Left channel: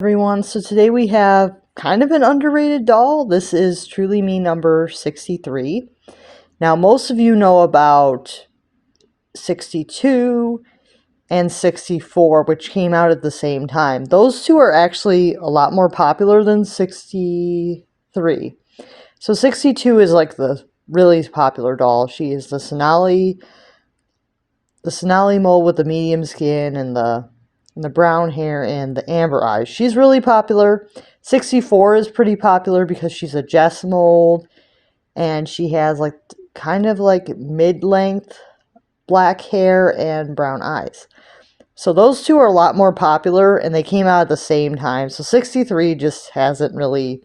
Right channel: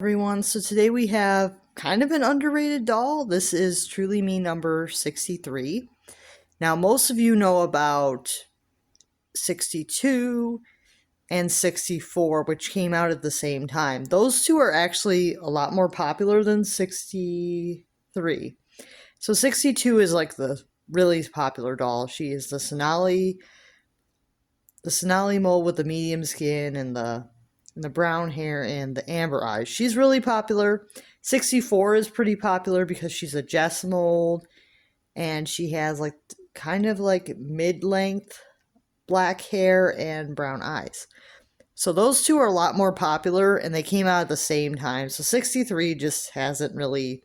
Everyone, so today we have kind of an underrated doll. This is Truly Me number 63. Now, most of you know about 62 and 64, which came out at the same time. Those two are actually a lot more popular than 63. So 62 is like the really popular doll. She is the Sonali mold with the medium skin and the brown hair and the amber eyes. She's really popular. 64 is pretty popular because she's a Jess mold and she has like kind of like mid-length black hair and brown eyes. So those two are a lot more popular and they came out at the same time. So 63 just hasn't really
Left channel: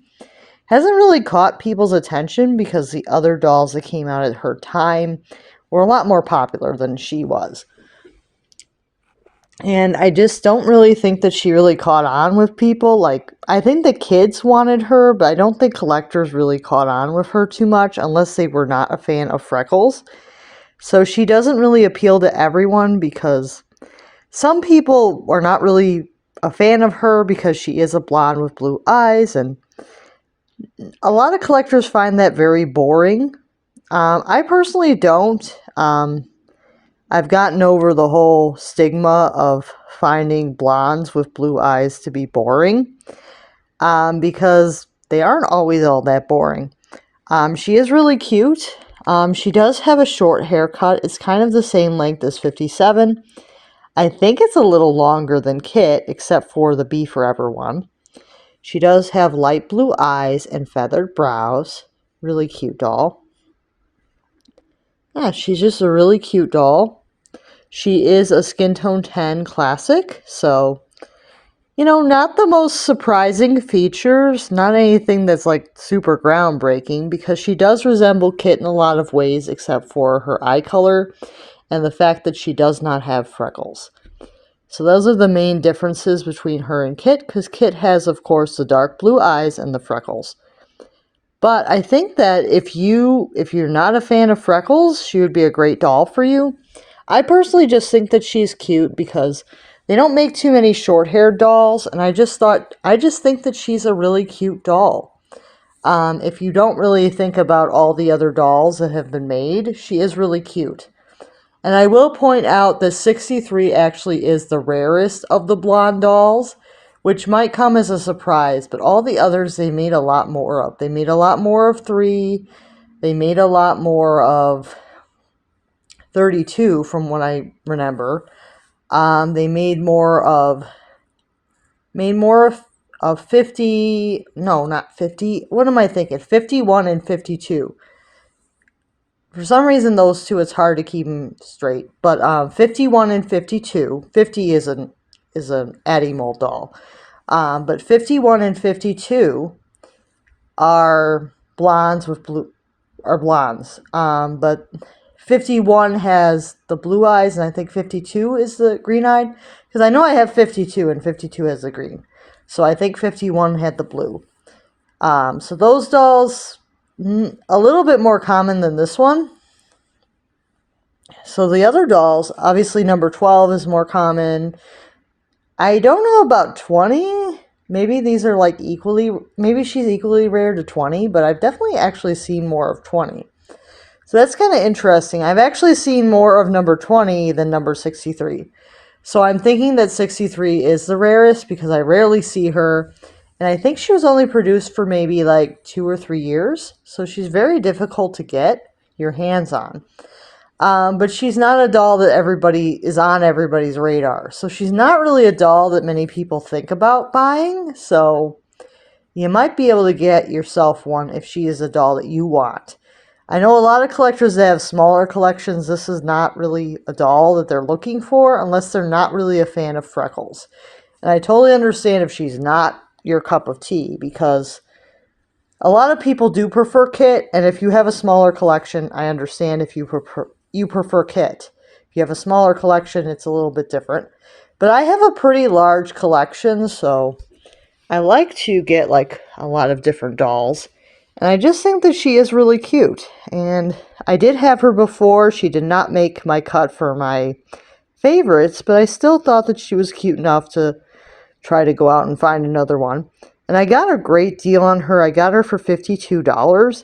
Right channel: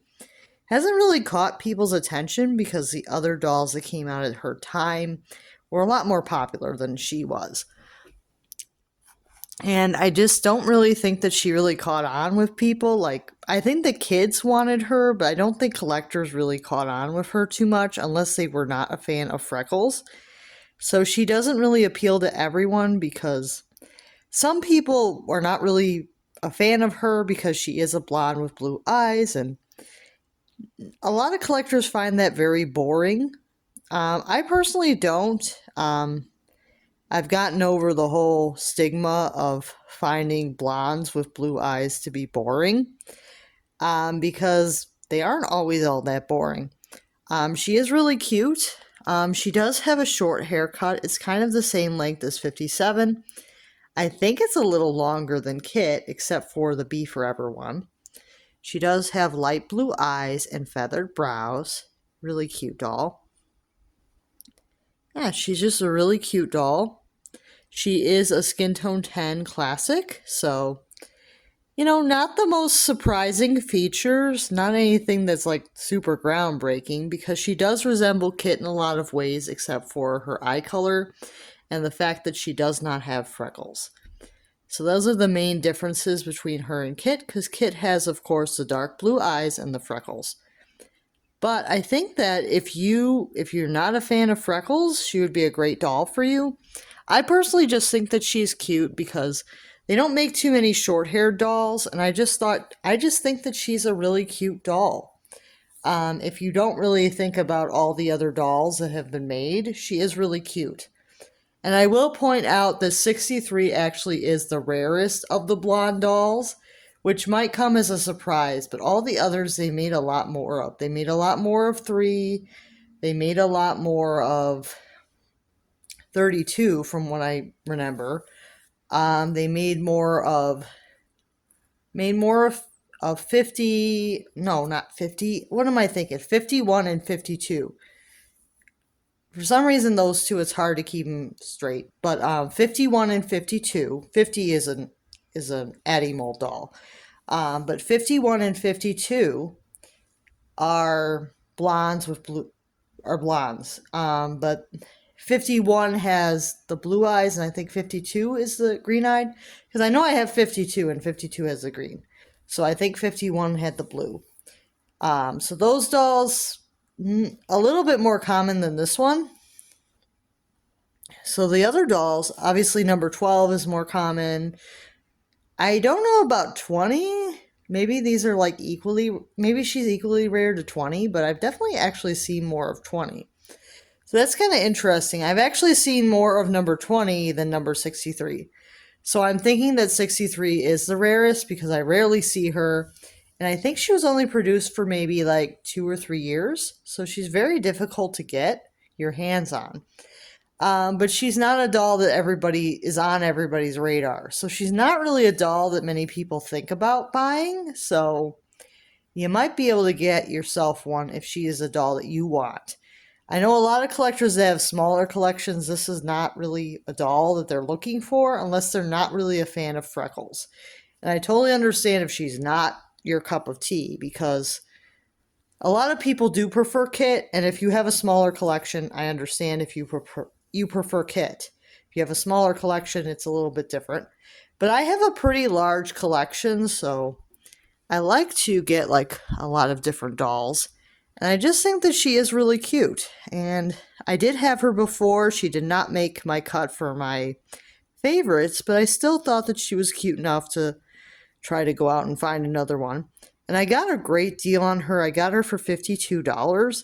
caught people's attention because the other dolls that came out at her time were a lot more popular than she was. And I just don't really think that she really caught on with people. Like, I think the kids wanted her, but I don't think collectors really caught on with her too much unless they were not a fan of freckles. So she doesn't really appeal to everyone because some people are not really a fan of her because she is a blonde with blue eyes, and a lot of collectors find that very boring. I personally don't. I've gotten over the whole stigma of finding blondes with blue eyes to be boring because they aren't always all that boring. She is really cute. She does have a short haircut. It's kind of the same length as 57. I think it's a little longer than Kit, except for the Be Forever one. She does have light blue eyes and feathered brows. Really cute doll. Yeah, she's just a really cute doll. She is a skin tone 10 classic, so, not the most surprising features, not anything that's like super groundbreaking, because she does resemble Kit in a lot of ways, except for her eye color and the fact that she does not have freckles. So those are the main differences between her and Kit, because Kit has, of course, the dark blue eyes and the freckles. But I think that if you're not a fan of freckles, she would be a great doll for you. I personally just think that she's cute because they don't make too many short-haired dolls, and I just think that she's a really cute doll. If you don't really think about all the other dolls that have been made, she is really cute. And I will point out that 63 actually is the rarest of the blonde dolls, which might come as a surprise, but all the others they made a lot more of. They made a lot more of 3. They made a lot more of 32 from what I remember. They made more of 50, no, not 50. What am I thinking? 51 and 52. For some reason, those two, it's hard to keep them straight. But 51 and 52, 50 is an Addie mold doll. But 51 and 52 are blondes with blondes. But 51 has the blue eyes, and I think 52 is the green-eyed. Because I know I have 52, and 52 has the green. So I think 51 had the blue. So those dolls, a little bit more common than this one. So the other dolls, obviously number 12 is more common. I don't know about 20. Maybe these are like maybe she's equally rare to 20, but I've definitely actually seen more of 20. So that's kind of interesting. I've actually seen more of number 20 than number 63. So I'm thinking that 63 is the rarest because I rarely see her. And I think she was only produced for maybe like 2 or 3 years. So she's very difficult to get your hands on. But she's not a doll that is on everybody's radar. So she's not really a doll that many people think about buying. So you might be able to get yourself one if she is a doll that you want. I know a lot of collectors that have smaller collections. This is not really a doll that they're looking for unless they're not really a fan of freckles. And I totally understand if she's not your cup of tea because a lot of people do prefer Kit. And if you have a smaller collection, I understand if you prefer Kit. If you have a smaller collection, it's a little bit different. But I have a pretty large collection, so I like to get like a lot of different dolls. And I just think that she is really cute. And I did have her before. She did not make my cut for my favorites, but I still thought that she was cute enough to try to go out and find another one. And I got a great deal on her. I got her for $52.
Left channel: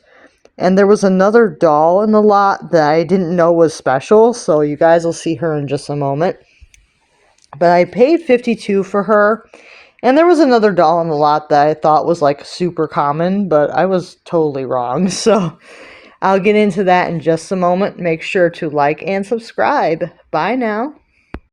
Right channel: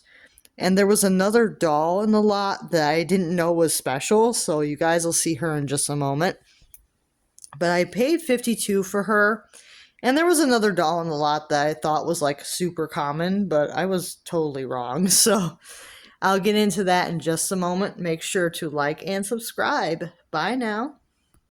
And there was another doll in the lot that I didn't know was special, so you guys will see her in just a moment. But I paid $52 for her. And there was another doll in the lot that I thought was like super common, but I was totally wrong. So I'll get into that in just a moment. Make sure to like and subscribe. Bye now.